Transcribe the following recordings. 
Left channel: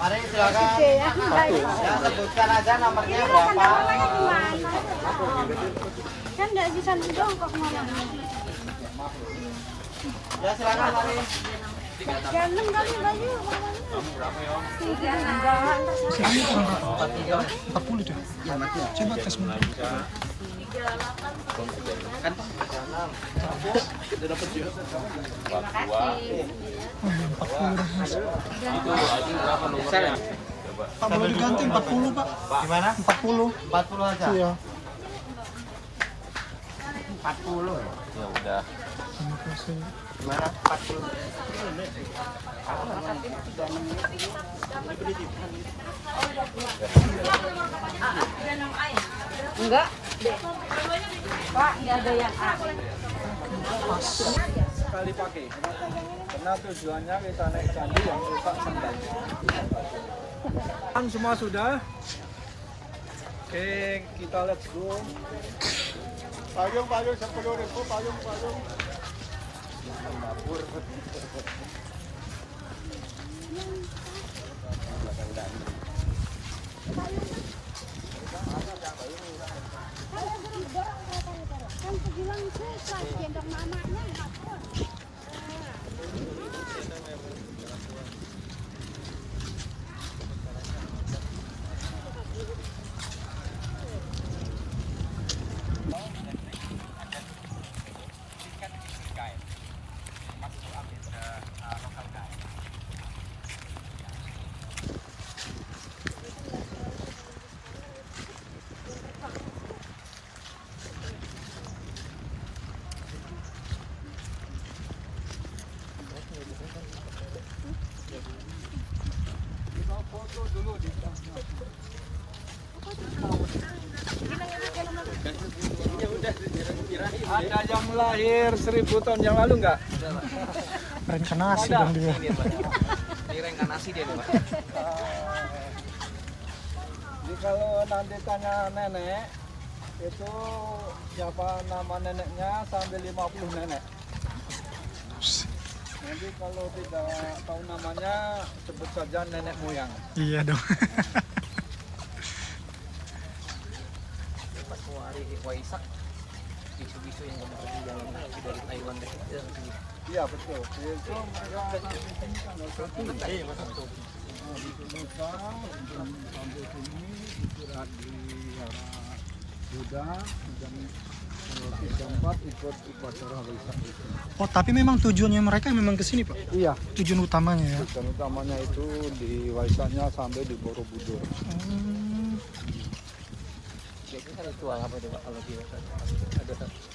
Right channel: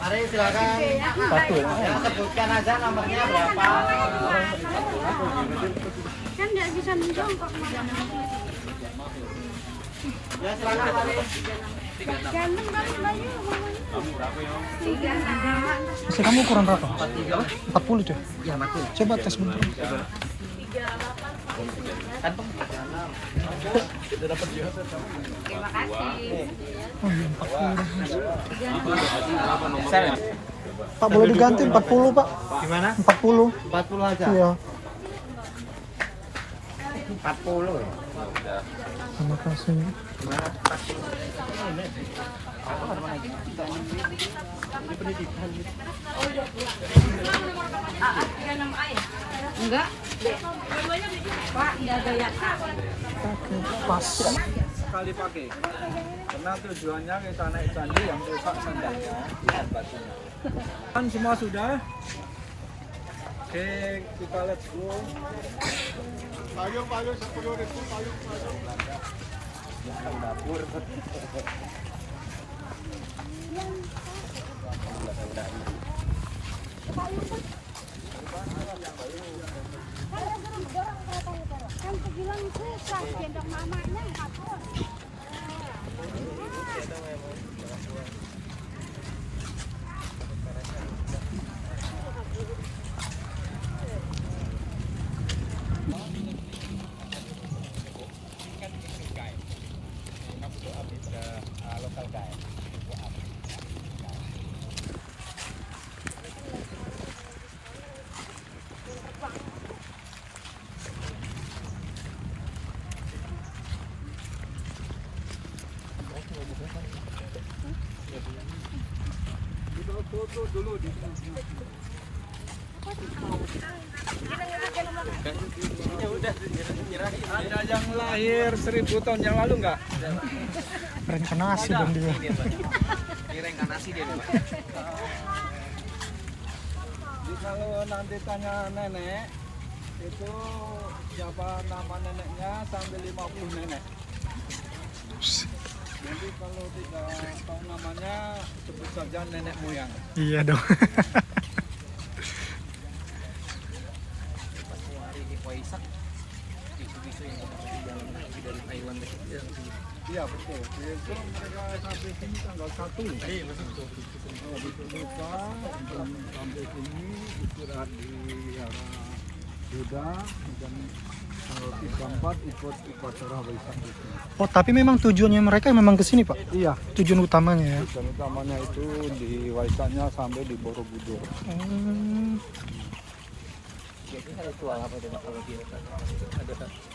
Mari silakan. Ya, sebutkan aja nomornya berapa. Kan nggak bisa menjongkok. Ya silakan mari. Ganteng banget lagi. Masih kamu kurang berapa? 40 deh. Ya mati. Coba tes bentar. Kan Oh iya 40 Mas. Pak boleh diganti 40 Pak. gimana? 40. 40 aja. Iya. 40 ya. Terima kasih. Gimana? 40. Enggak. Pak, nggak ada yang Oke, pas. Sekali pakai karena tujuannya kita naik candi yang rusak sandalnya bukan batunya. Kan semua sudah. Oke, kita let's go. Payung 10.000 payung. Kita foto dulu di tengah. Ada yang lahir 1000 tahun yang lalu nggak? Reinkarnasi dong dia. Jadi kalau nanti tanya nenek, itu siapa nama neneknya sampai 50 nenek. Jadi kalau tidak tahu namanya, sebut saja nenek moyang. Iya dong. Iya betul. Itu mereka sampai sini tanggal 1. Oh, besok lusa sampai sini istirahat di arah Buddha dan tanggal 3-4 ikut upacara Waisak di sini. Oh, tapi memang tujuannya mereka memang ke sini, Pak. Iya. Tujuan utamanya ya. Dan utamanya itu di Waisaknya sampai di Borobudur.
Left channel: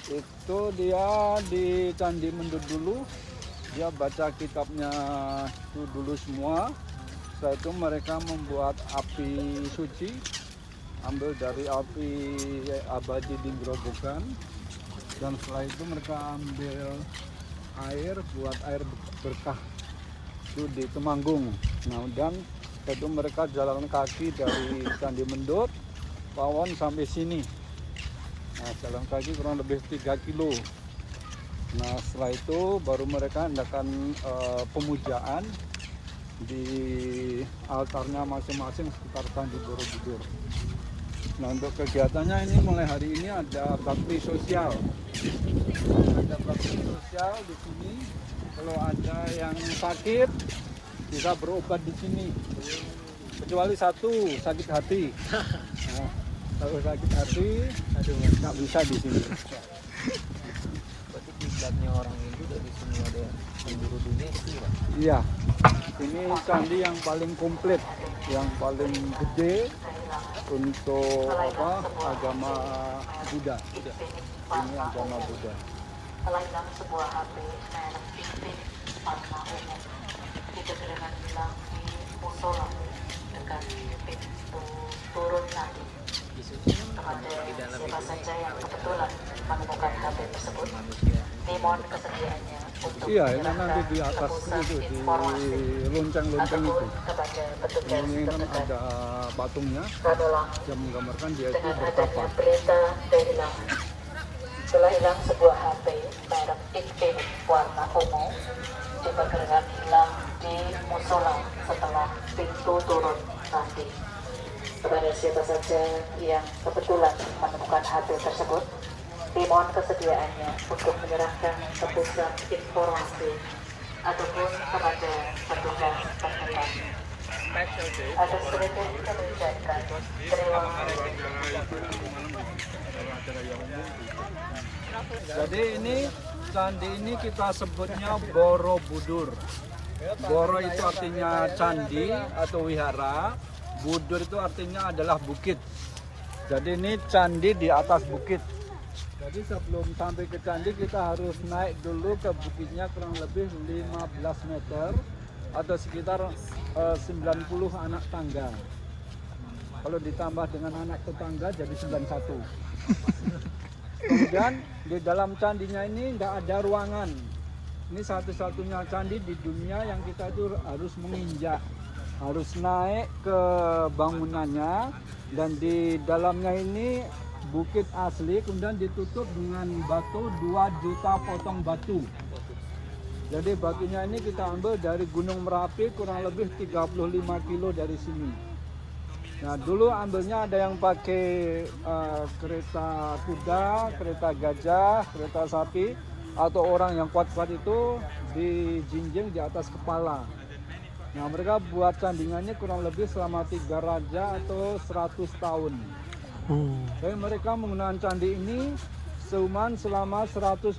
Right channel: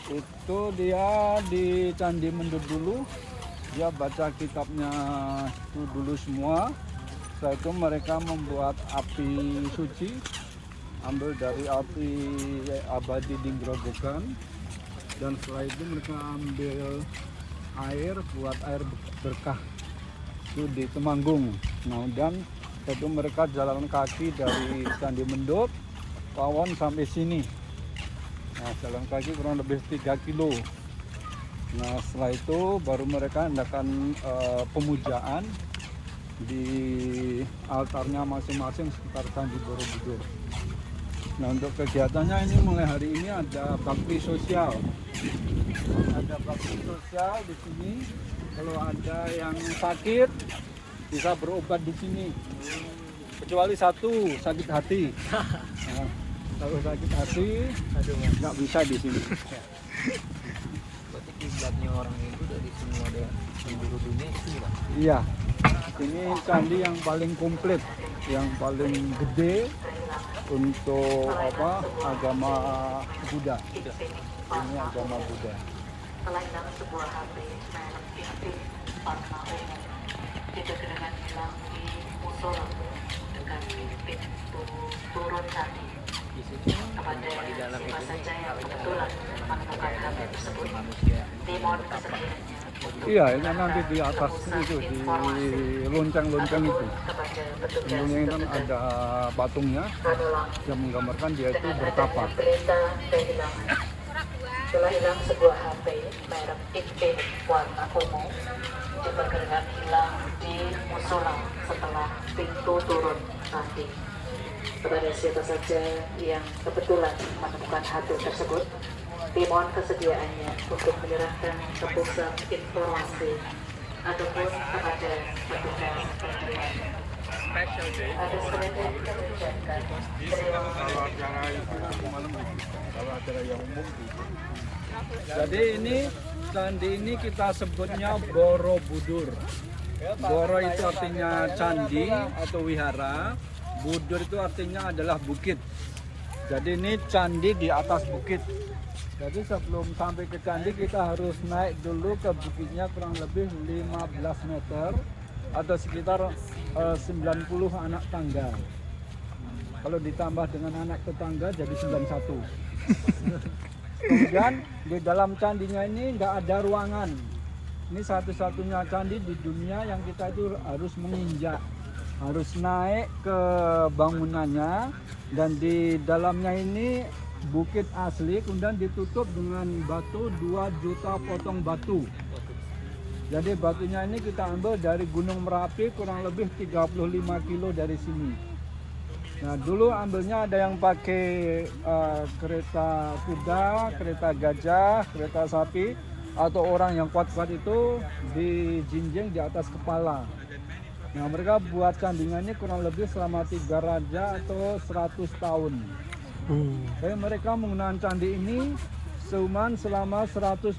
Itu dia di Candi Mendut dulu, dia baca kitabnya itu dulu semua. Setelah itu mereka membuat api suci, ambil dari api abadi di Grobogan, dan setelah itu mereka ambil air buat air berkah itu di Temanggung. Nah, dan setelah itu mereka jalan kaki dari Candi Mendut Pawon sampai sini. Nah, jalan kaki kurang lebih 3 kilo. Nah, setelah itu baru mereka adakan pemujaan di altarnya masing-masing sekitar Candi Borobudur. Nah, untuk kegiatannya ini mulai hari ini ada bakti sosial. Ada bakti sosial di sini. Kalau ada yang sakit bisa berobat di sini. Kecuali satu, sakit hati. Nah, kalau sakit hati nggak bisa di sini. Berarti kiblatnya orang Hindu dari semua daerah penjuru dunia itu ya? Iya, ini candi yang paling komplit, yang paling gede untuk agama Buddha. Ini agama Buddha. Kelainan sebuah hati, merek titik, warna ungu, tidak dengan bilang di musola dengan pintu turun nanti kepada siapa saja yang kebetulan menemukan hati tersebut. Dimohon kesediaannya. Iya, ini nanti di atas itu, di lonceng-lonceng itu. Ini kan ada patungnya yang menggambarkan dia itu bertapa. telah hilang sebuah HP merek Infinix warna ungu diperkirakan hilang di musola setelah pintu turun tadi. Kepada siapa saja yang kebetulan menemukan HP tersebut, dimohon kesediaannya untuk menyerahkan tebusan informasi ataupun kepada petugas terdekat. Atas kereta kita mengucapkan terima kasih. Jadi ini candi ini kita sebutnya Borobudur. Boro itu artinya candi atau wihara, Budur itu artinya adalah bukit. Jadi ini candi di atas bukit. Jadi sebelum sampai ke candi kita harus naik dulu ke bukitnya kurang lebih 15 meter atau sekitar 90 anak tangga. Kalau ditambah dengan anak tetangga jadi 91. Kemudian di dalam candinya ini tidak ada ruangan. Ini satu-satunya candi di dunia yang kita itu harus menginjak, harus naik ke bangunannya, dan di dalamnya ini bukit asli, kemudian ditutup dengan batu 2 juta potong batu. Jadi batunya ini kita ambil dari Gunung Merapi kurang lebih 35 kilo dari sini. Nah dulu ambilnya ada yang pakai kereta kuda, kereta gajah, kereta sapi, atau orang yang kuat-kuat itu dijinjing di atas kepala. Nah mereka buat candinya ini kurang lebih selama 3 raja atau 100 tahun. Jadi mereka menggunakan candi ini cuma selama 150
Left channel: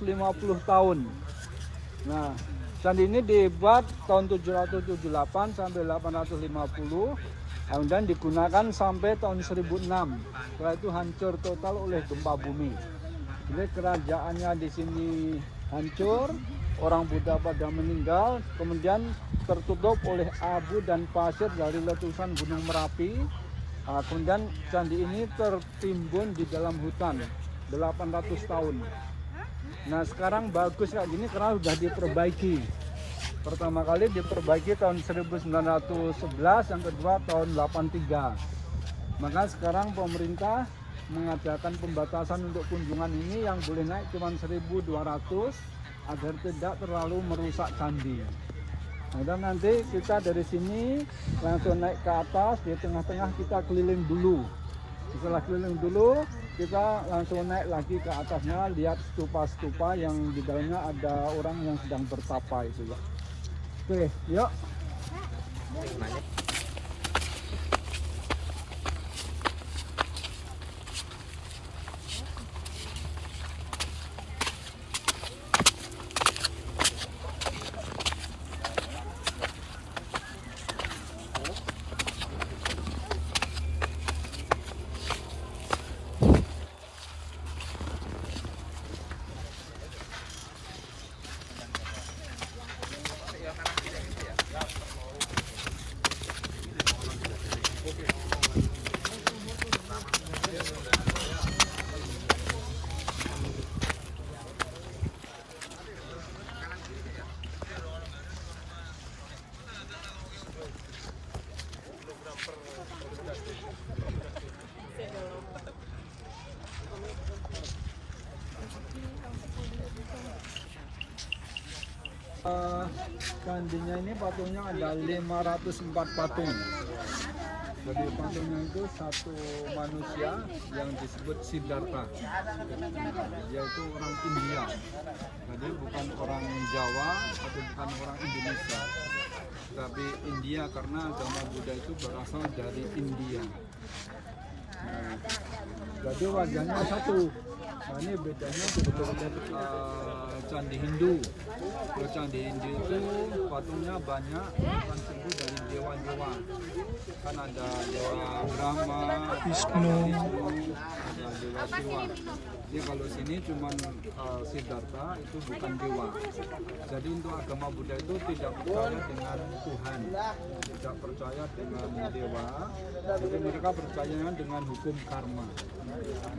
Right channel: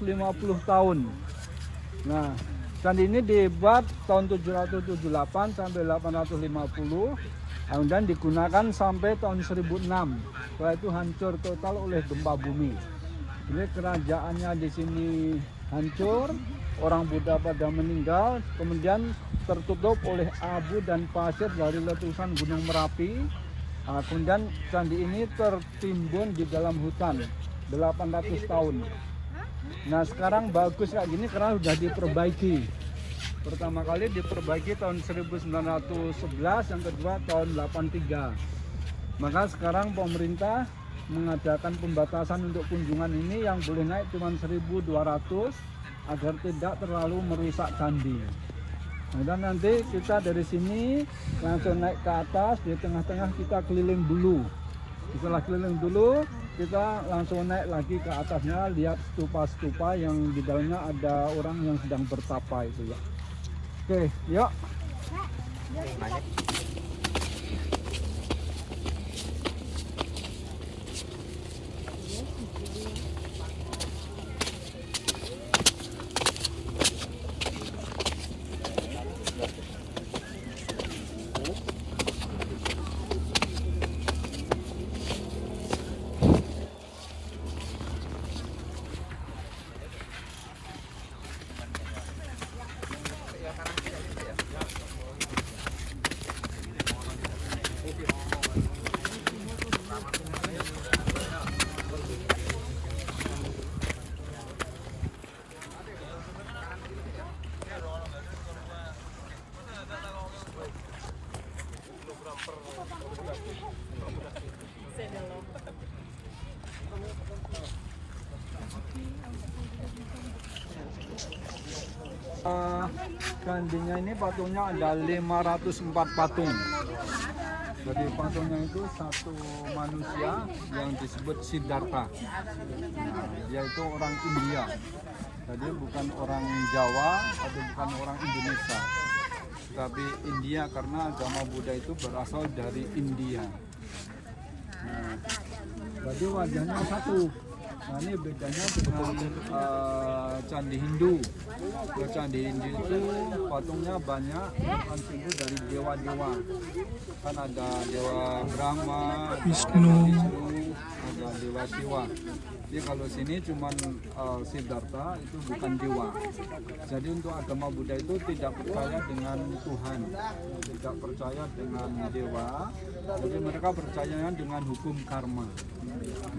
tahun. Nah, candi ini dibuat tahun 778 sampai 850, kemudian digunakan sampai tahun 1006. Setelah itu hancur total oleh gempa bumi. Jadi kerajaannya di sini hancur, orang Buddha pada meninggal, kemudian tertutup oleh abu dan pasir dari letusan Gunung Merapi. Nah, kemudian candi ini tertimbun di dalam hutan 800 tahun. Nah sekarang bagus kayak gini karena sudah diperbaiki. Pertama kali diperbaiki tahun 1911, yang kedua tahun 83. Maka sekarang pemerintah mengadakan pembatasan untuk kunjungan ini, yang boleh naik cuma 1.200 agar tidak terlalu merusak candi. Kemudian nanti kita dari sini langsung naik ke atas, di tengah-tengah kita keliling dulu. Setelah keliling dulu, kita langsung naik lagi ke atasnya, lihat stupa-stupa yang di dalamnya ada orang yang sedang bertapa itu ya. Oke, yuk. Candinya ini patungnya ada 504 patung. Jadi patungnya itu satu manusia yang disebut Siddhartha. Nah, dia itu orang India. Jadi bukan orang Jawa atau bukan orang Indonesia, tapi India karena agama Buddha itu berasal dari India. Nah, jadi wajahnya satu. Nah ini bedanya dengan candi Hindu. Kalau candi Hindu itu patungnya banyak, bukan simbol dari dewa-dewa. Kan ada dewa Brahma, Wisnu, ada dewa Siwa. Jadi kalau sini cuman Siddhartha itu bukan dewa. Jadi untuk agama Buddha itu tidak percaya dengan Tuhan, tidak percaya dengan dewa. Jadi mereka percaya dengan hukum karma.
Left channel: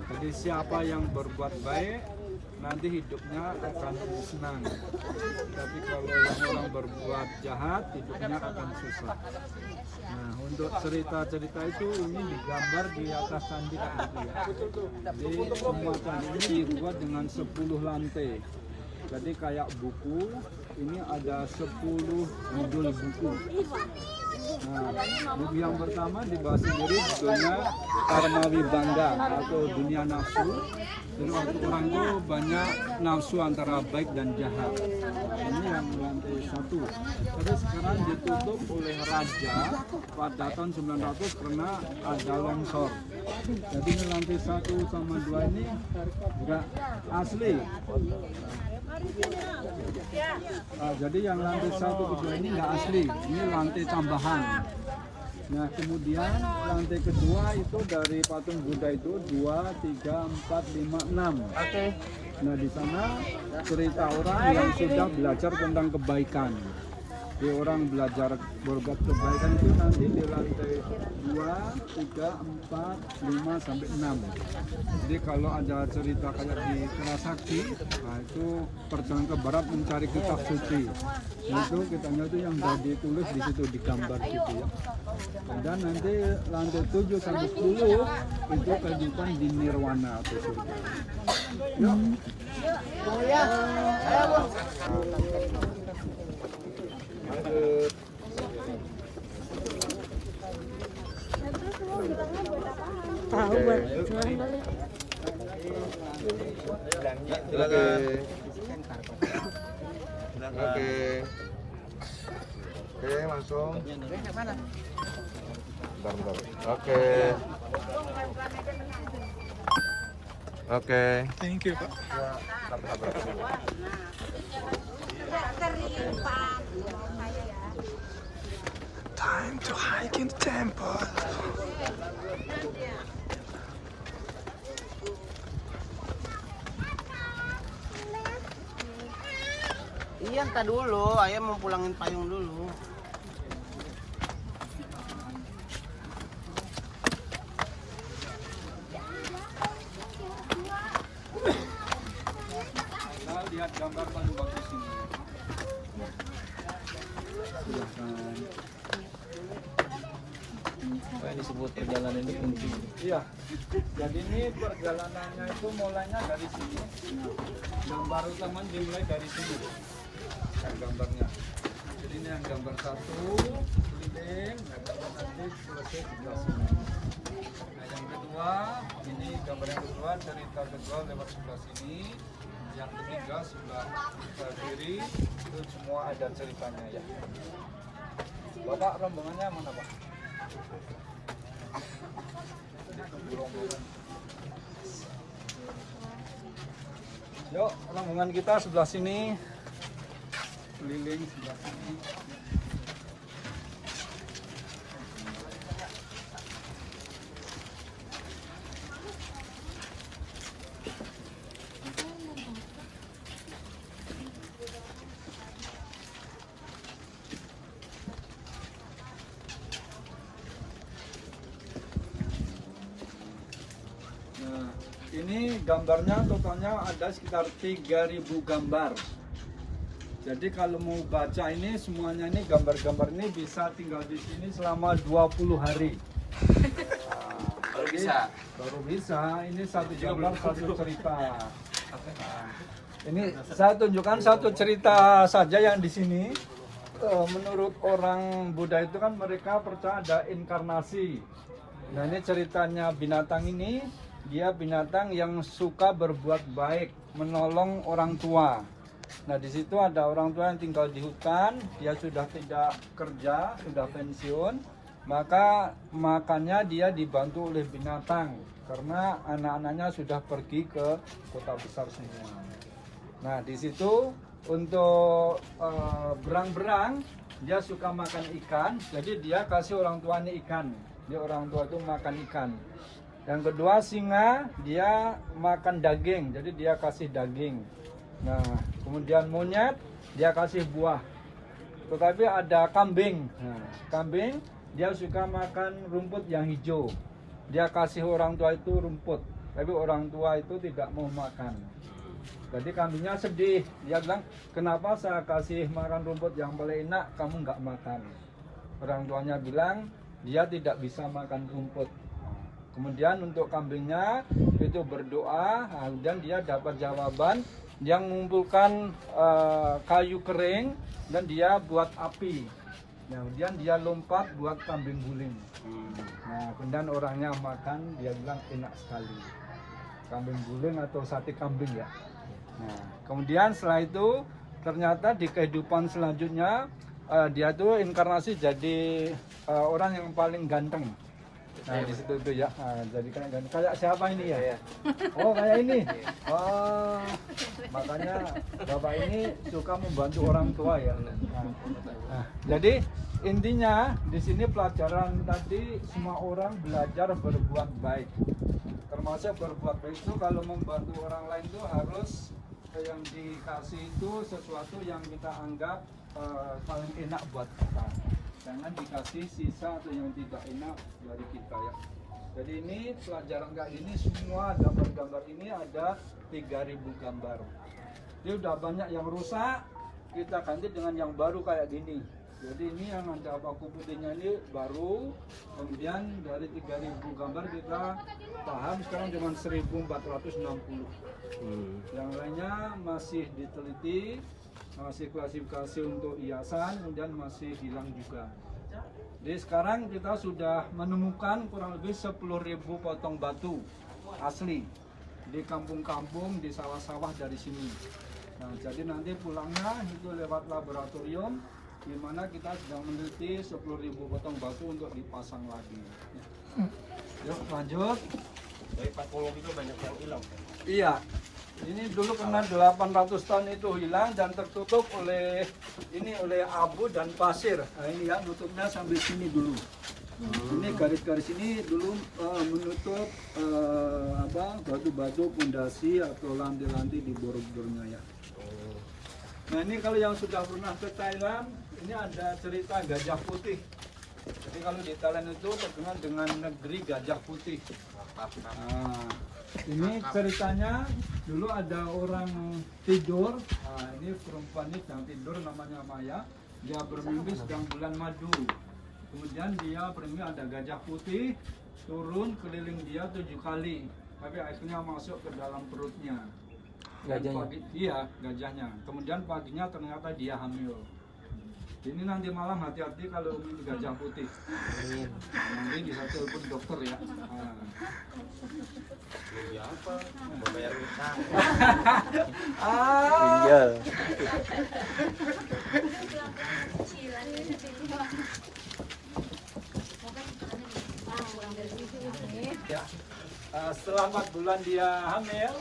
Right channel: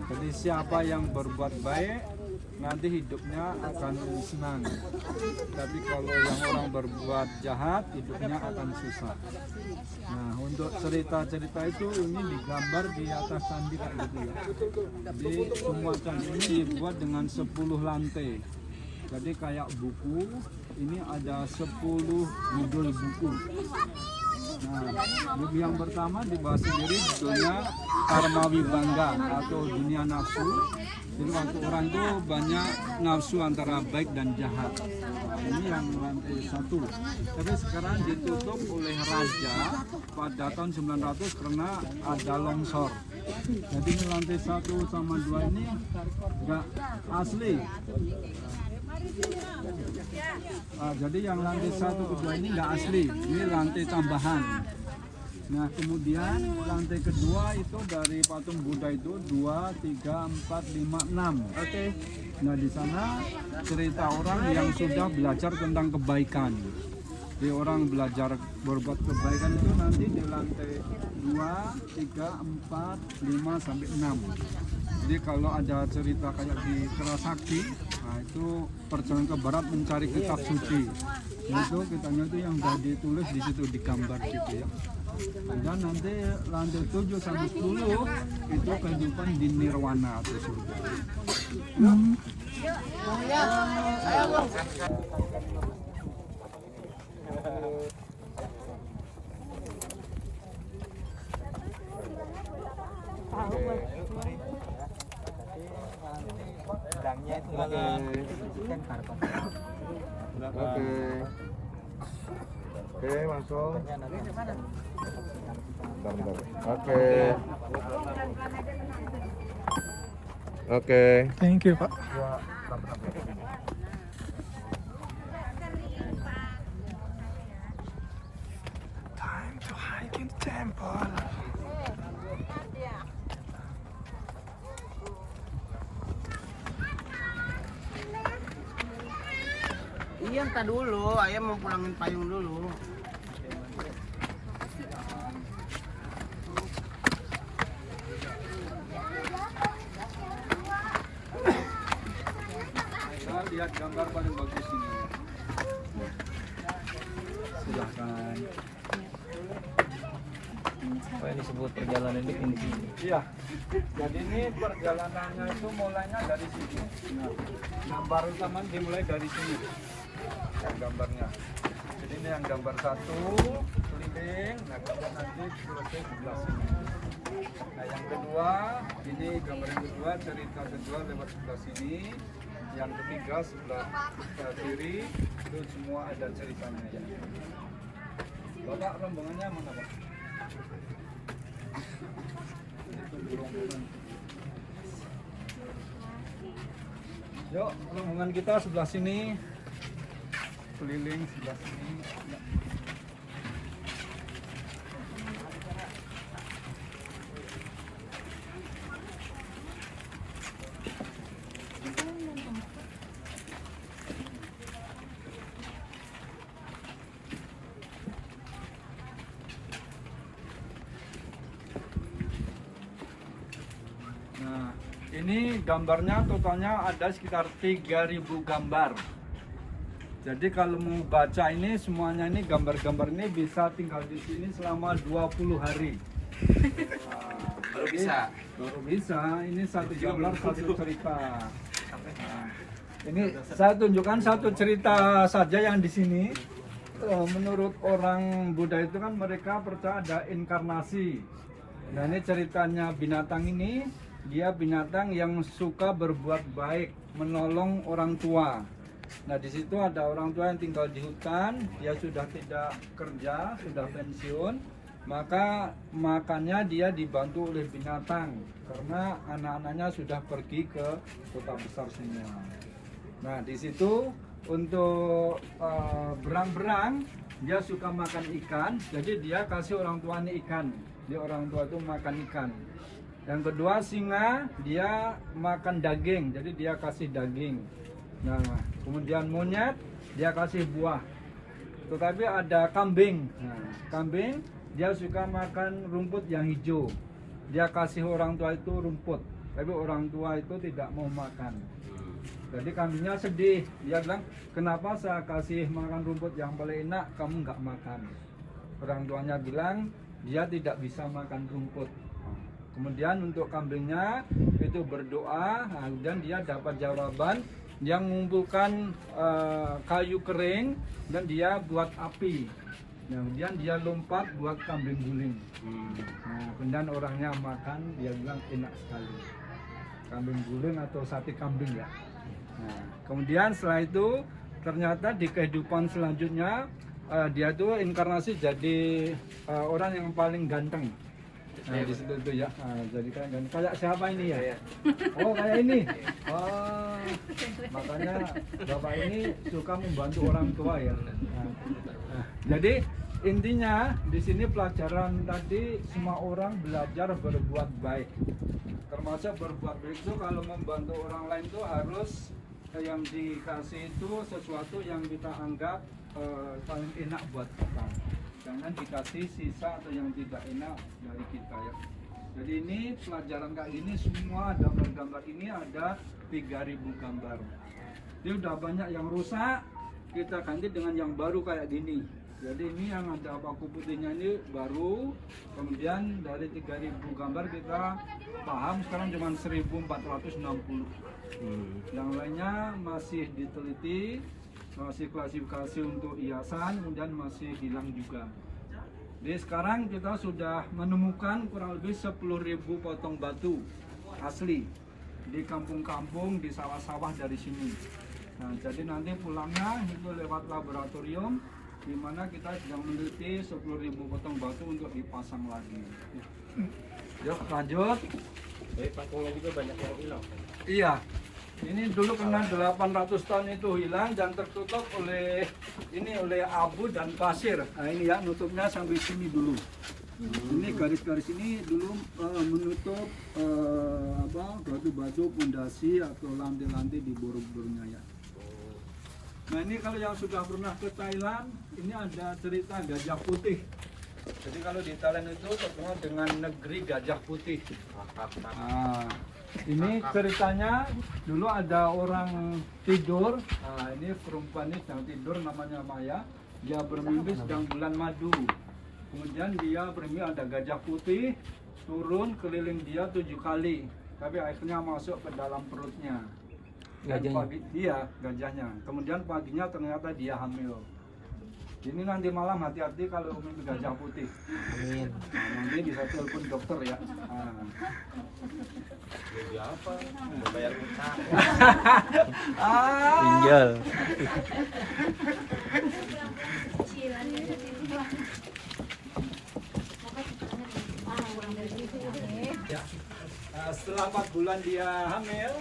Jadi siapa yang berbuat baik nanti hidupnya akan senang. Tapi kalau yang orang berbuat jahat hidupnya akan susah. Nah, untuk cerita-cerita itu ini digambar di atas candi kayak gitu ya. Jadi semua candi ini dibuat dengan 10 lantai. Jadi kayak buku, ini ada 10 judul buku. Nah, buku yang pertama dibahas sendiri judulnya Karma Wibangga atau dunia nafsu. Jadi waktu orang itu banyak nafsu antara baik dan jahat. Nah, ini yang lantai 1. Tapi sekarang ditutup oleh raja pada tahun 900 karena ada longsor. Jadi ini lantai 1 sama 2 ini enggak asli. Jadi yang lantai 1 ke 2 ini enggak asli, ini lantai tambahan. Nah kemudian lantai kedua itu dari patung Buddha itu 2, 3, 4, 5, 6. Nah di sana cerita orang yang sudah belajar tentang kebaikan. Jadi orang belajar berbuat kebaikan itu nanti di lantai 2, 3, 4, 5 sampai 6. Jadi kalau ada cerita kayak di Kerasakti, nah itu perjalanan ke barat mencari kitab suci. Itu kitanya itu yang sudah ditulis di situ, digambar gitu ya. Dan nanti lantai 7 sampai 10 itu kehidupan di nirwana atau surga. Oke, langsung. Bentar. Oke. Oke. Thank you, Pak. Time to hike in the temple. Iya, entar dulu. Ayah mau pulangin payung dulu. Kita lihat gambar paling bagus ini. Silahkan. Ini disebut perjalanan di kunci. Iya. Jadi ini perjalanannya itu mulainya dari sini. Gambar utama dimulai dari sini. Yang gambarnya. Jadi ini yang gambar 1 keliling, yang gambar sedikit selesai sebelah sini. Nah yang kedua, ini gambar yang kedua, cerita kedua lewat sebelah sini. Yang ketiga sebelah kiri itu semua ada ceritanya ya. Bapak rombongannya mana Pak? Yuk, rombongan kita sebelah sini, keliling sebelah sini. Nah, ini gambarnya totalnya ada sekitar 3.000 gambar. Jadi kalau mau baca ini semuanya ini gambar-gambar ini bisa tinggal di sini selama 20 hari. Baru bisa. Baru bisa. Ini satu gambar satu cerita. Nah, ini saya tunjukkan satu cerita saja yang di sini. Menurut orang Buddha itu kan mereka percaya ada inkarnasi. Nah ini ceritanya binatang ini. Dia binatang yang suka berbuat baik, menolong orang tua. Nah di situ ada orang tua yang tinggal di hutan, dia sudah tidak kerja, sudah pensiun, maka makannya dia dibantu oleh binatang karena anak-anaknya sudah pergi ke kota besar semua. Nah di situ untuk berang-berang dia suka makan ikan, jadi dia kasih orang tuanya ikan. Dia orang tua itu makan ikan. Yang kedua singa dia makan daging, jadi dia kasih daging. Nah kemudian monyet dia kasih buah. Tetapi ada kambing. Nah, kambing dia suka makan rumput yang hijau. Dia kasih orang tua itu rumput, tapi orang tua itu tidak mau makan. Jadi kambingnya sedih. Dia bilang, kenapa saya kasih makan rumput yang paling enak, kamu nggak makan? orang tuanya bilang dia tidak bisa makan rumput. Kemudian untuk kambingnya itu berdoa, dan dia dapat jawaban, dia mengumpulkan kayu kering dan dia buat api. Kemudian dia lompat buat kambing guling. Nah, kemudian orangnya makan, dia bilang enak sekali. Kambing guling atau sate kambing ya. Nah, kemudian setelah itu ternyata di kehidupan selanjutnya dia tuh inkarnasi jadi orang yang paling ganteng. Nah, di situ itu ya. Nah, jadi kayak siapa ini ya? Oh, kayak ini. Oh, makanya bapak ini suka membantu orang tua ya. Nah, jadi intinya di sini pelajaran tadi semua orang belajar berbuat baik. Termasuk berbuat baik itu kalau membantu orang lain itu harus yang dikasih itu sesuatu yang kita anggap paling enak buat kita. Jangan dikasih sisa atau yang tidak enak dari kita ya. Jadi ini pelajaran kayak gini semua gambar-gambar ini ada 3000 gambar. Ini udah banyak yang rusak, kita ganti dengan yang baru kayak gini. Jadi ini yang ada paku putihnya ini baru. Kemudian dari 3000 gambar kita paham sekarang cuma 1460. Yang lainnya masih diteliti, masih klasifikasi untuk hiasan, kemudian masih hilang juga. Jadi sekarang kita sudah menemukan kurang lebih 10.000 potong batu asli di kampung-kampung, di sawah-sawah dari sini. Nah, jadi nanti pulangnya itu lewat laboratorium, di mana kita sedang meneliti 10.000 potong batu untuk dipasang lagi. Ya. Yuk lanjut. Dari patungnya juga banyak yang hilang. Iya. Ini dulu pernah 800 tahun itu hilang dan tertutup oleh abu dan pasir. Nah ini ya, nutupnya sampai sini dulu. Ini garis-garis ini dulu menutup batu-batu pondasi atau lantai-lantai di Borobudurnya ya. Nah ini kalau yang sudah pernah ke Thailand, ini ada cerita gajah putih. Jadi kalau di Thailand itu terkenal dengan negeri gajah putih. Nah, ini ceritanya dulu ada orang tidur. Nah, ini perempuan ini sedang tidur namanya Maya. Dia bermimpi sedang bulan madu. Kemudian dia bermimpi ada gajah putih turun keliling dia 7 kali. Tapi akhirnya masuk ke dalam perutnya. Iya, gajahnya. Kemudian paginya ternyata dia hamil. Ini nanti malam hati-hati kalau mimpi gajah putih. Nah, nanti bisa telepon dokter ya. Iya. Setelah 4 bulan dia hamil,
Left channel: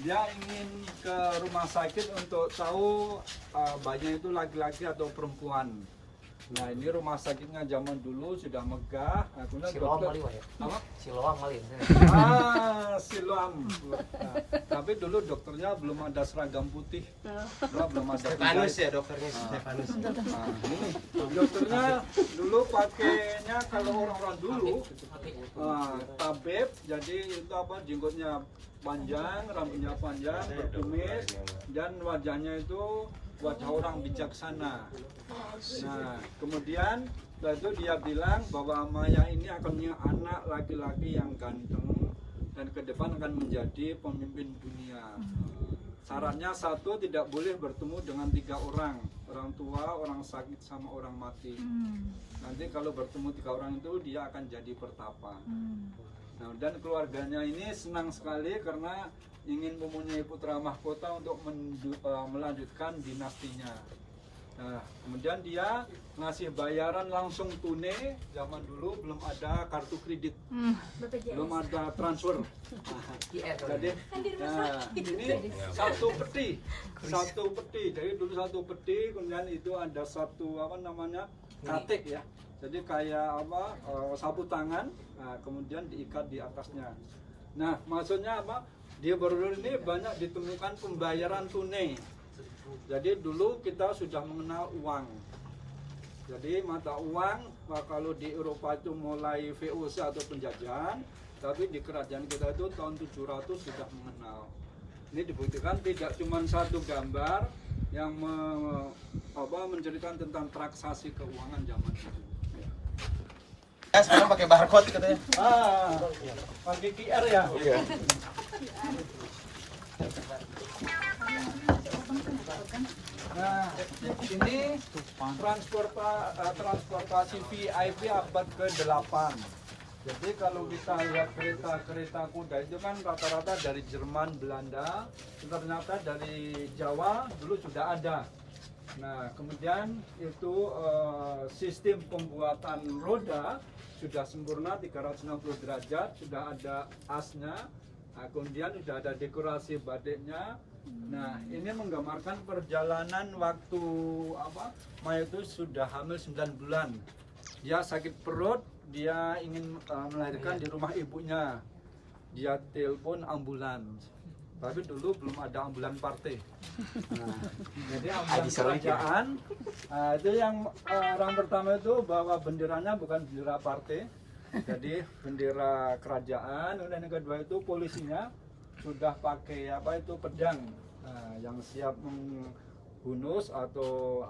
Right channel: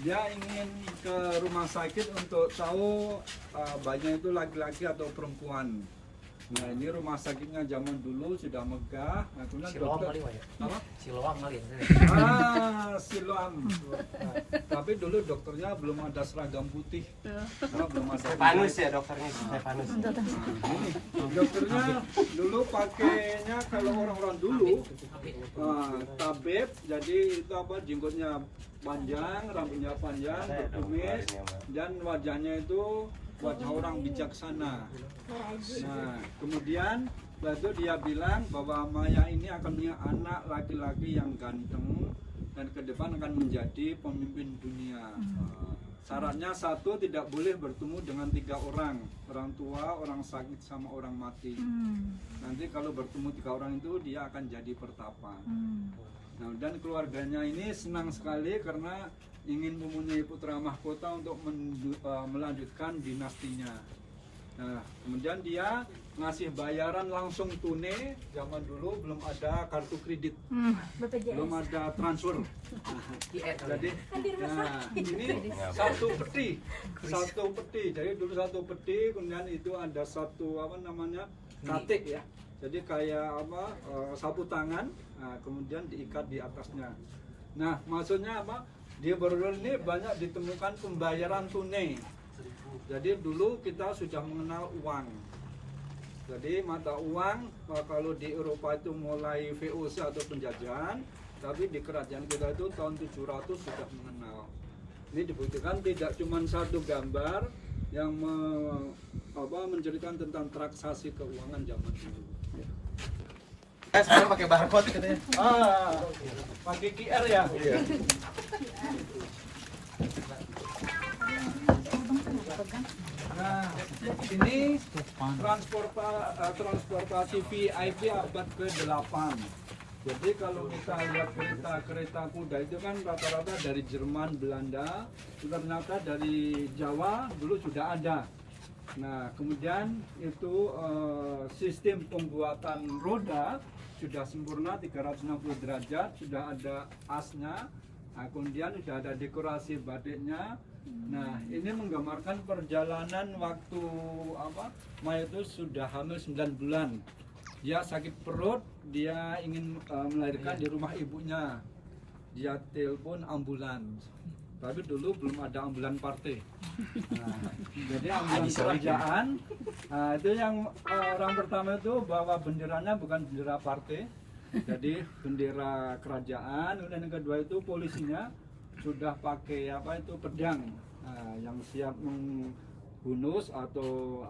dia ingin ke rumah sakit untuk tahu bayinya itu laki-laki atau perempuan. Nah ini rumah sakitnya zaman dulu sudah megah. Nah, kemudian dokter, Siloam kali ya. Siloam. Nah, tapi dulu dokternya belum ada seragam putih. Nah, belum ada. Stefanus ya dokternya, Stefanus. Nah, ini dokternya dulu pakainya kalau orang-orang dulu tabib, jadi itu jenggotnya panjang, rambutnya panjang, berkumis, dan wajahnya itu wajah orang bijaksana. Nah, kemudian setelah itu dia bilang bahwa Maya ini akan punya anak laki-laki yang ganteng dan ke depan akan menjadi pemimpin dunia. Syaratnya satu, tidak boleh bertemu dengan 3 orang tua, orang sakit, sama orang mati. Nanti kalau bertemu 3 orang itu dia akan jadi pertapa. Nah, dan keluarganya ini senang sekali karena ingin mempunyai putra mahkota untuk melanjutkan dinastinya. Nah, kemudian dia ngasih bayaran langsung tunai. Zaman dulu belum ada kartu kredit, belum ada transfer. Jadi, nah, ini satu peti. Jadi dulu satu peti, kemudian itu ada satu katik ya. Jadi kayak sapu tangan. Nah, kemudian diikat di atasnya. Nah, maksudnya apa? Di Borobudur ini banyak ditemukan pembayaran tunai. Jadi dulu kita sudah mengenal uang. Jadi mata uang kalau di Eropa itu mulai VOC atau penjajahan, tapi di kerajaan kita itu tahun 700 sudah mengenal. Ini dibuktikan tidak cuma satu gambar, yang menceritakan tentang transaksi keuangan zaman dulu. Sekarang pakai barcode katanya. Pakai QR ya. Nah, ini transportasi VIP abad ke-8. Jadi kalau kita lihat kereta kuda itu kan rata-rata dari Jerman, Belanda, ternyata dari Jawa dulu sudah ada. Nah, kemudian itu sistem pembuatan roda sudah sempurna 360 derajat, sudah ada asnya. Nah, kemudian sudah ada dekorasi batiknya. Nah, ini menggambarkan perjalanan waktu Maya itu sudah hamil 9 bulan. Dia sakit perut, dia ingin melahirkan di rumah ibunya. Dia telepon ambulans. Tapi dulu belum ada ambulan partai. Nah, jadi ambulan kerajaan. Nah, itu yang orang pertama itu bawa benderanya bukan bendera partai. Jadi bendera kerajaan. Dan yang kedua itu polisinya sudah pakai pedang, yang siap membunuh atau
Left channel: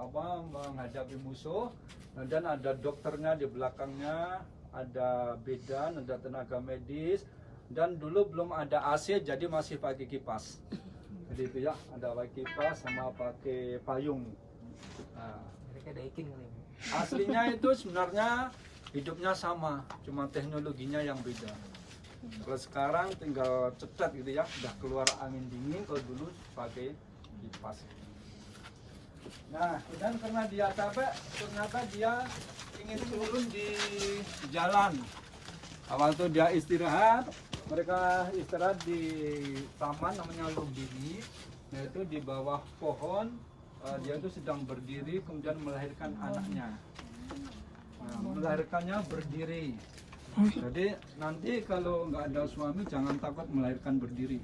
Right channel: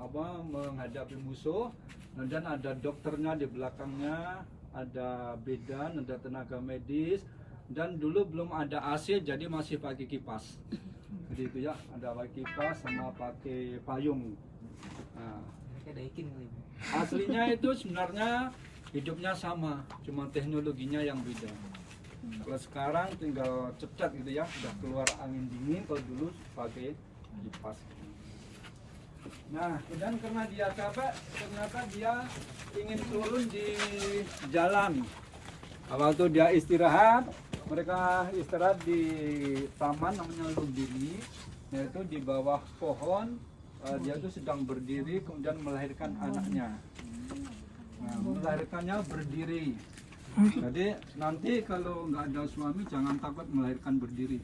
menghadapi musuh. Dan ada dokternya di belakangnya, ada bidan, ada tenaga medis. Dan dulu belum ada AC, jadi masih pakai kipas. Jadi itu ya, ada pakai kipas sama pakai payung. Nah, aslinya itu sebenarnya hidupnya sama, cuma teknologinya yang beda. Kalau sekarang tinggal cetak gitu ya, sudah keluar angin dingin. Kalau dulu pakai kipas. Nah, dan karena dia capek, ternyata dia ingin turun di jalan. Waktu dia istirahat, mereka istirahat di taman namanya Lumbini, yaitu di bawah pohon. Dia itu sedang berdiri, kemudian melahirkan anaknya. Nah, melahirkannya berdiri. Jadi nanti kalau nggak ada suami jangan takut melahirkan berdiri.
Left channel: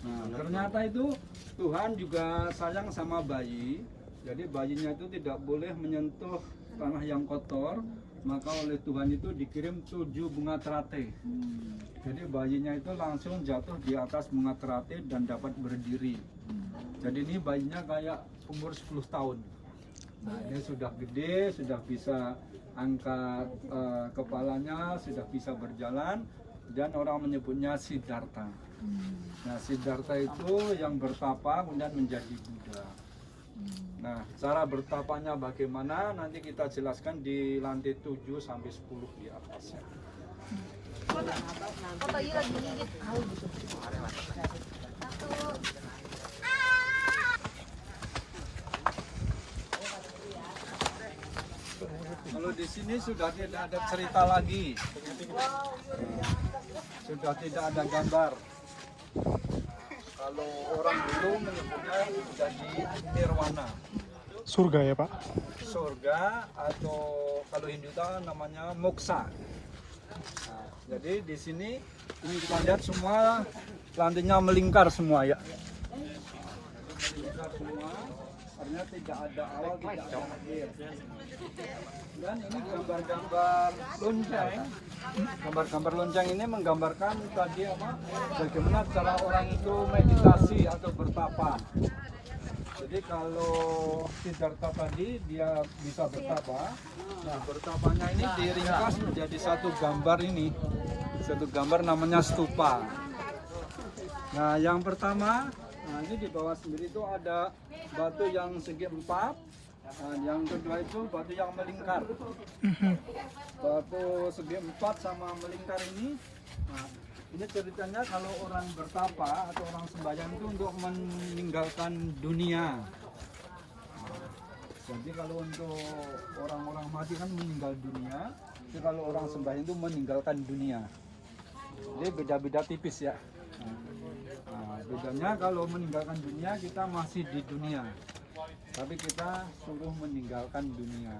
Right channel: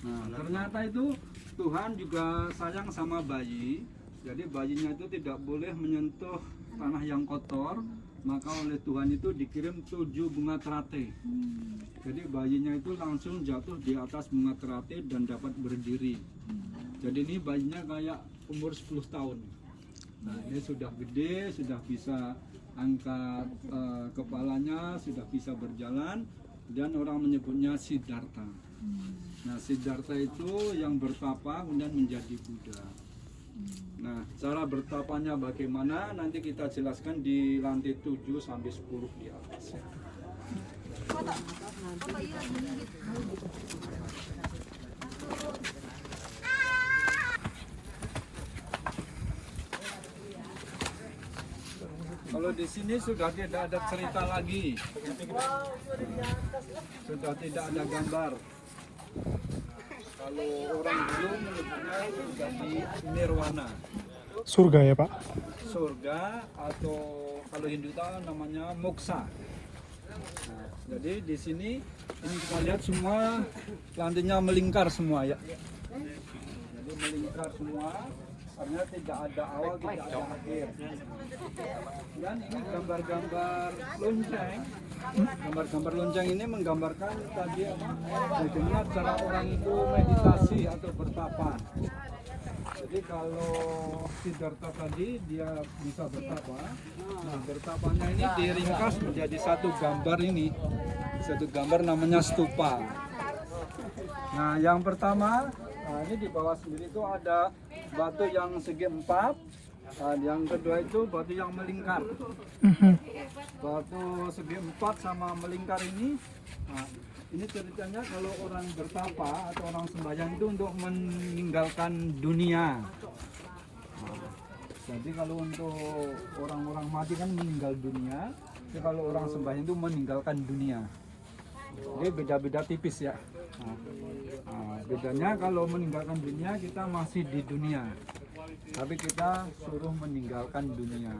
Nah, ternyata itu Tuhan juga sayang sama bayi. Jadi bayinya itu tidak boleh menyentuh tanah yang kotor. Maka oleh Tuhan itu dikirim 7 bunga teratai. Jadi bayinya itu langsung jatuh di atas bunga teratai dan dapat berdiri. Jadi ini bayinya kayak umur 10 tahun. Nah, ini sudah gede, sudah bisa angkat kepalanya, sudah bisa berjalan, dan orang menyebutnya Siddhartha. Nah, Siddhartha itu yang bertapa kemudian menjadi Buddha. Nah, cara bertapanya bagaimana nanti kita jelaskan di lantai 7 sampai 10 di atas ya. Foto iya lagi gigit. Kalau di sini sudah tidak ada cerita lagi, sudah tidak ada gambar. Kalau orang dulu menyebutnya menjadi nirwana. Surga ya Pak? Surga atau kalau Hindu itu namanya moksa. Nah, jadi di sini ini kita lihat semua lantainya melingkar semua ya. Jadi melingkar semua, karena tidak ada awal, tidak ada akhir. Dan ini gambar-gambar lonceng. Gambar-gambar lonceng ini menggambarkan tadi bagaimana cara orang itu meditasi atau bertapa. Jadi kalau Siddhartha tadi dia bisa bertapa. Nah, bertapanya ini diringkas menjadi satu gambar ini. Satu gambar namanya stupa. Nah, yang pertama, ini di bawah sendiri itu ada batu yang segi 4. Nah, yang kedua itu batu yang melingkar. Batu segi 4 sama melingkar ini. Nah, ini ceritanya kalau orang bertapa atau orang sembahyang itu untuk meninggalkan dunia. Nah, jadi kalau untuk orang-orang mati kan meninggal dunia. Jadi kalau orang sembahyang itu meninggalkan dunia. Jadi beda-beda tipis ya. Nah, bedanya kalau meninggalkan dunia kita masih di dunia. Tapi kita suruh meninggalkan dunia.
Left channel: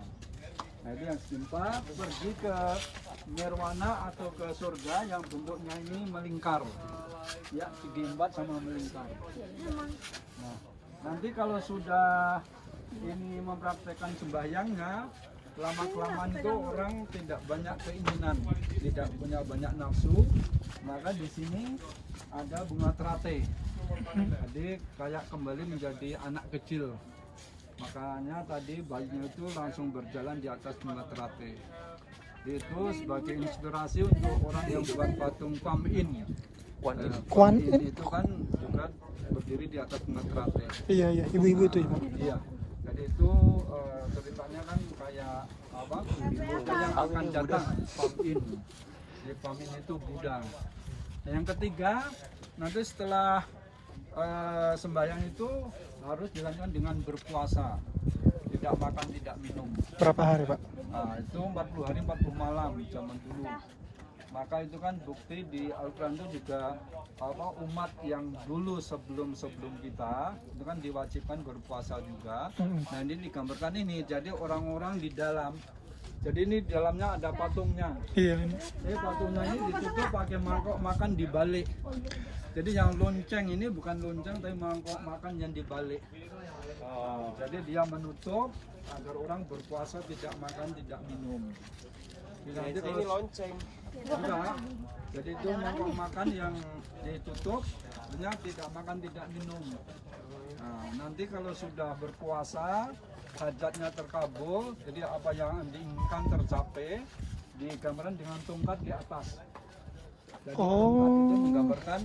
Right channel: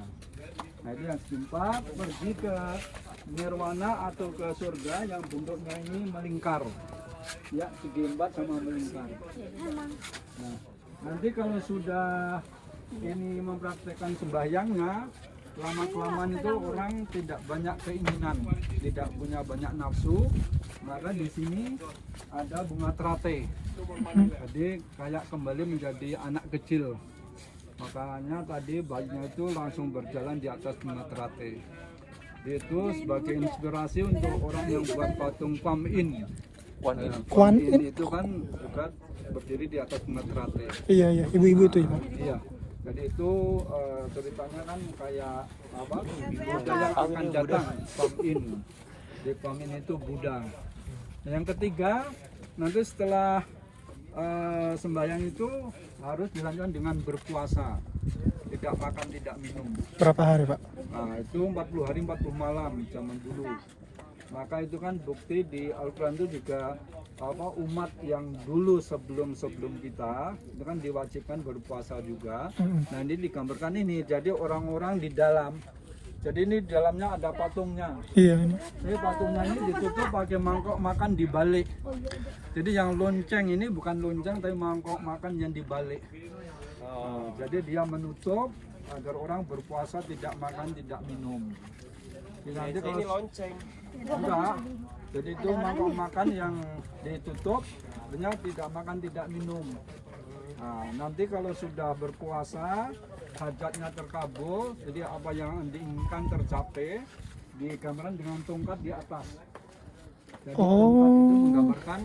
Jadi yang keempat pergi ke nirwana atau ke surga yang bentuknya ini melingkar. Ya, segi 4 sama melingkar. Nah, nanti kalau sudah ini mempraktekkan sembahyangnya, lama-kelamaan itu orang tidak banyak keinginan, tidak punya banyak nafsu, maka di sini ada bunga teratai. Jadi kayak kembali menjadi anak kecil. Makanya tadi bayinya itu langsung berjalan di atas bunga teratai. Itu sebagai inspirasi untuk orang yang buat patung Kuan Yin. Kuan Yin itu kan juga berdiri di atas bunga teratai. Iya, iya, ibu-ibu itu. Iya. Jadi itu ceritanya kan kayak apa? Buddha yang akan datang, Kuan Yin. Di Kuan Yin itu Buddha. Nah, yang ketiga, nanti setelah sembahyang itu harus dilanjutkan dengan berpuasa, tidak makan, tidak minum. Berapa hari, Pak? Nah, itu 40 hari 40 malam zaman dulu. Maka itu kan bukti di Al-Quran itu juga apa, umat yang dulu sebelum kita itu kan diwajibkan berpuasa juga. Nah, ini digambarkan ini. Jadi orang-orang di dalam. Jadi ini di dalamnya ada patungnya. Iya, ini. Jadi patungnya ini ditutup pakai mangkok makan dibalik. Jadi yang lonceng ini bukan lonceng tapi mangkok makan yang dibalik. Nah, jadi dia menutup agar orang berpuasa tidak makan tidak minum. Jadi nanti kalau enggak, jadi itu mangkok makan yang ditutup, artinya tidak makan tidak minum. Nah, nanti kalau sudah berpuasa, hajatnya terkabul, jadi apa yang diinginkan tercapai, digambarkan dengan tongkat di atas. Jadi tongkat itu menggambarkan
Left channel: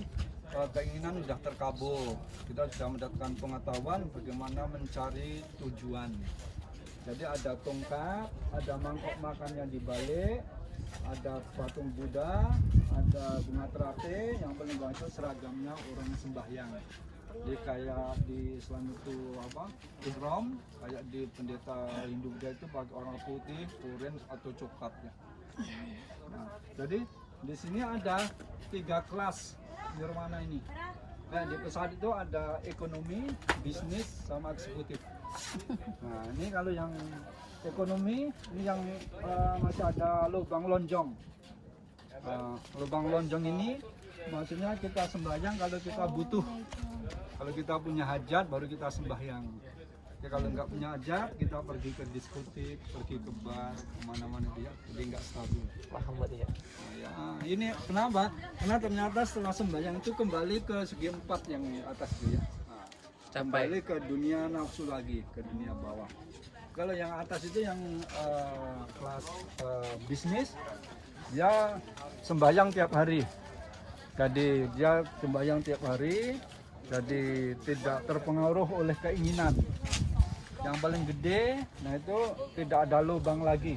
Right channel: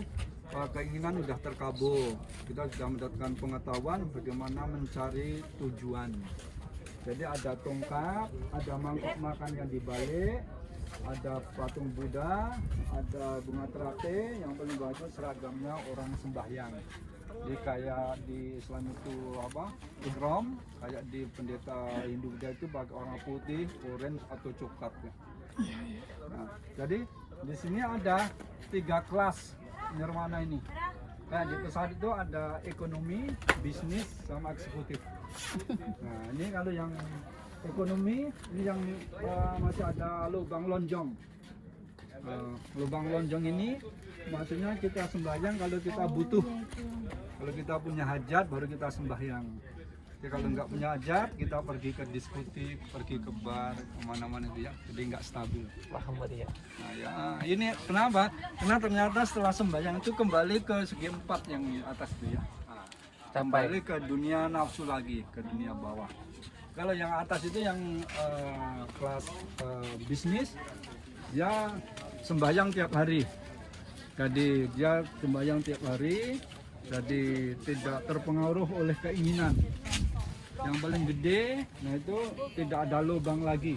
keinginan sudah terkabul. Kita sudah mendapatkan pengetahuan bagaimana mencari tujuan. Jadi ada tongkat, ada mangkok makan yang dibalik, ada patung Buddha, ada bunga teratai, yang paling bawah itu seragamnya orang sembahyang. Jadi kayak di Islam itu apa? Ihram, kayak di pendeta Hindu Buddha itu pakai warna putih, orange atau coklat ya. Nah, jadi di sini ada 3 kelas nirwana ini. Nah, di pesawat itu ada ekonomi, bisnis, sama eksekutif. Nah, ini kalau yang ekonomi, ini yang masih ada lubang lonjong. Lubang lonjong ini maksudnya kita sembahyang kalau kita butuh. Kalau kita punya hajat baru kita sembahyang. Jadi kalau nggak punya hajat kita pergi ke diskutif, pergi ke bar, kemana-mana dia, jadi nggak stabil. Nah ya ini kenapa? Karena ternyata setelah sembahyang itu kembali ke segi 4 yang atas itu ya. Kembali ke dunia nafsu lagi, ke dunia bawah. Kalau yang atas itu yang kelas bisnis, dia sembahyang tiap hari. Jadi dia sembahyang tiap hari. Jadi tidak terpengaruh oleh keinginan. Yang paling gede, nah itu tidak ada lubang lagi.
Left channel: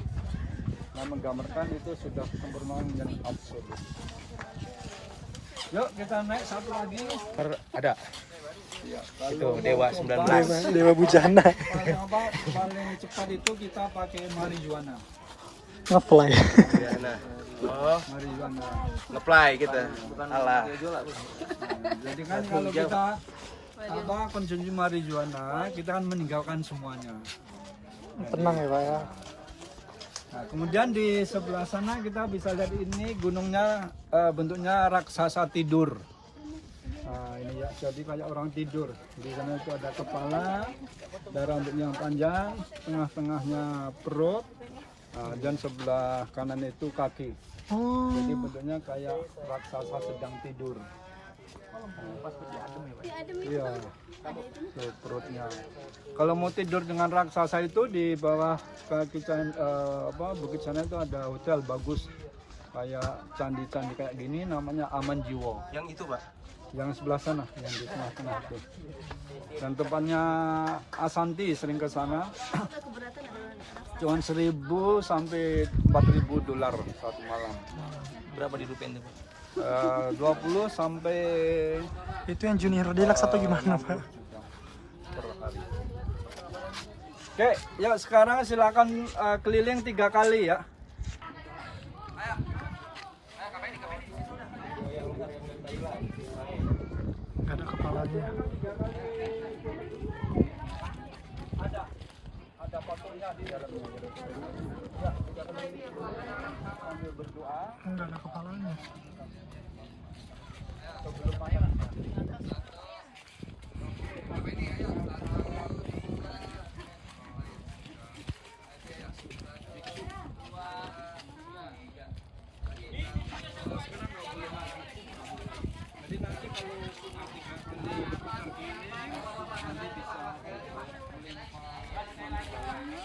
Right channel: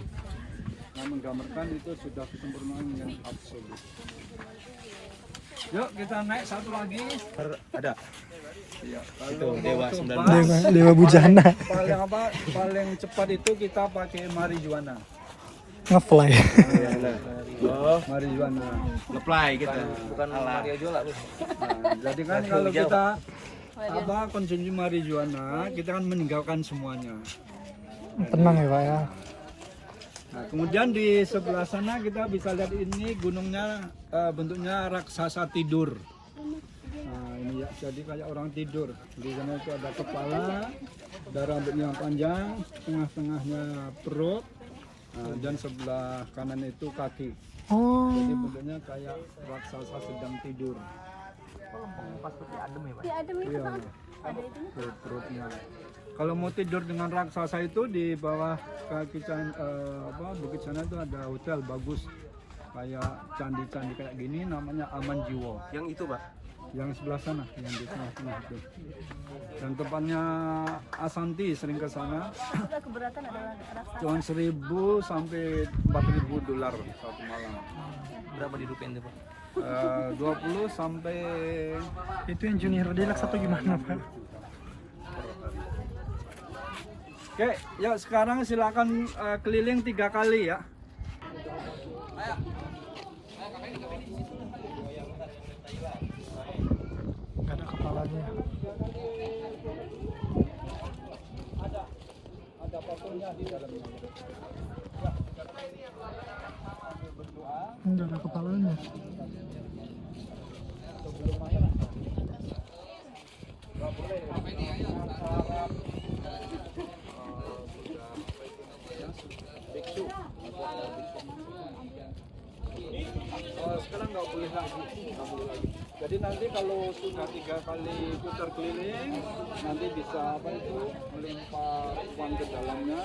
Nah, menggambarkan itu sudah kesempurnaan yang absolut. Yuk kita naik satu lagi. Ada. Ya, Itu kalau Dewa mau 19. coba, Dewa Bujana. paling apa? Paling cepat itu kita pakai marijuana. Ngeplay. Oh, Marijuana. ngeplay kita. Bukan Nah, jadi kan kalau kita apa konsumsi marijuana, kita kan meninggalkan semuanya. Tenang ya, Pak ya. Nah, kemudian di sebelah sana kita bisa lihat ini gunungnya bentuknya raksasa tidur. Nah, ini ya jadi kayak orang tidur. Di sana itu ada kepala, ada rambutnya yang panjang, tengah-tengahnya perut, dan sebelah kanan itu kaki. Oh, Jadi bentuknya kayak raksasa sedang tidur. Di adem itu Iya. kan ada itu. Tuh, perutnya. Kalau mau tidur dengan raksasa itu di bawah kaki bukit sana itu ada hotel bagus kayak candi-candi kayak gini namanya Aman Jiwo. Yang itu, Pak. Yang sebelah sana yang di tengah-tengah itu. Dan tempatnya Asanti sering ke sana. Sudah keberatan adalah raksasa. Cuma 1.000 sampai 4.000 dolar satu malam. Berapa di rupiah itu, Pak? 20 sampai itu yang junior deluxe atau gimana, Pak? per hari. Oke, ya sekarang silakan keliling 3 kali ya. Gak ada kepalanya. Ada fotonya di dalamnya. Gak ada kepalanya. Sekarang nggak boleh lagi. Jadi nanti kalau sudah 3 kali putar keliling, nanti bisa apa itu melempar uang ke dalamnya.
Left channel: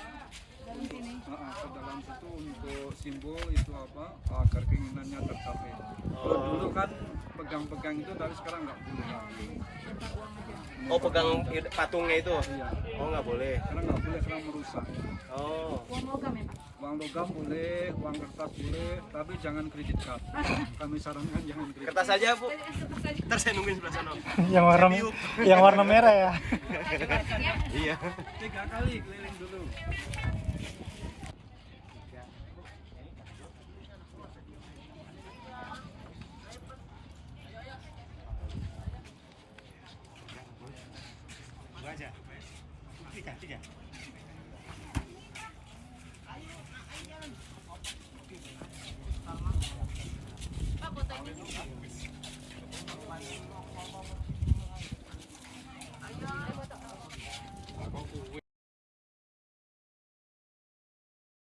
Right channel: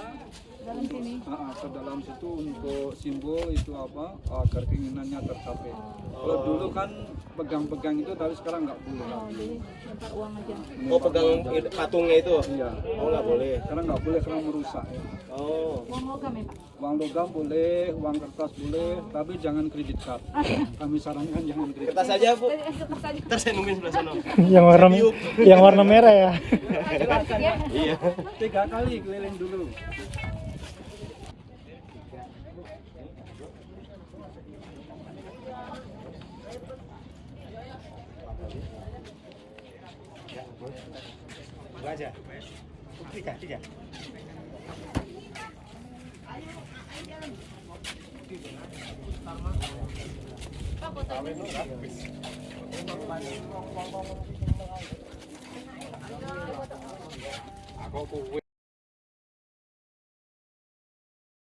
Dalam sini. Ke dalam situ untuk simbol itu apa agar keinginannya tercapai. Kalau dulu kan pegang-pegang itu, tapi sekarang nggak boleh. Jadi letak uang aja. Oh, pegang patungnya itu? Iya. Oh, nggak boleh. Sekarang nggak boleh, sekarang merusak. Oh. Uang logam ya Pak? Uang logam boleh, uang kertas boleh, tapi jangan kredit card. Kami sarankan jangan kredit Kertas card. aja, Bu. Kertas aja. Ntar saya nungguin sebelah sana. yang warna merah ya. Iya. 3 kali keliling dulu. Aja. 3. Aku